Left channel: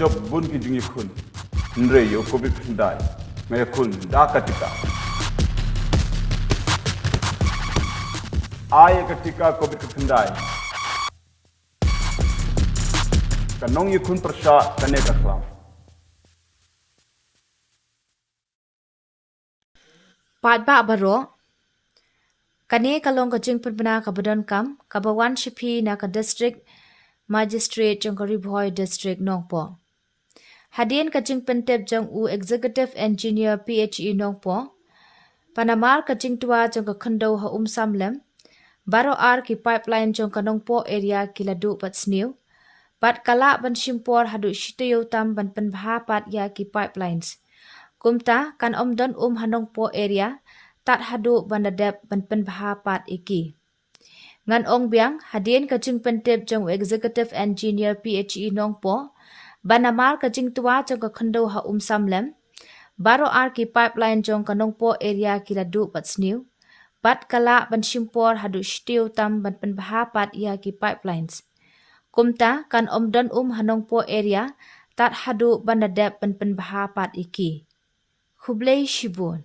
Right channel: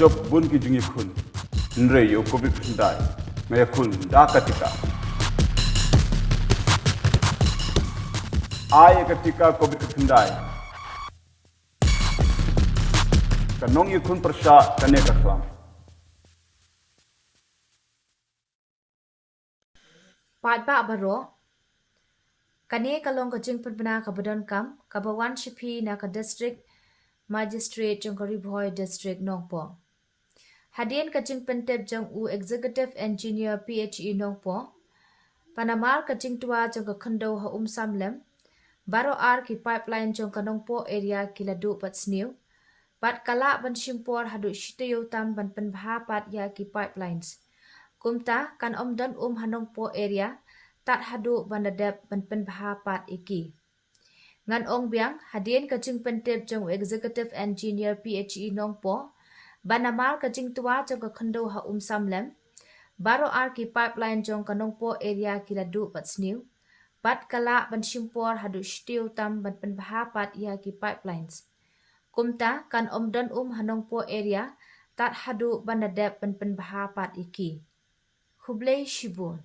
job bun ki jungi khun nre yo covid dai me khun da katika ay katika covid dai kanong yi khun prasha kane ka khlam Pat ba baro kane kalong ka jing penpena ka badon kam ka bawan shipi na ka district magistrate jong ka riboy district nongpo hadin ka jing pentep jong u executive engineer PHE nongpo panamar ka jing tua jong ka khando ha samlem baro ar ki pipeline jong ka nongpo area ki ladu pat snew pat kala ban shimpor hadu shitayo tam ban penbha pat ya ki pipelines kumta kan omdon hanongpo area tat hadu banadep ban penbha pat iki ngan ong biang hadien ka jing pentep jong executive engineer PHE nongpo banamar ka jing tua jong ka khando ha samlem baro ar ki pipeline jong ka nongpo area ki ladu pat snew pat kala ban shimpor hadu shtiu tam ban penbha pat ya ki pipelines kumta kan omdon hanongpo area tat hadu banadep ban penbha pat iki Hublei Shibun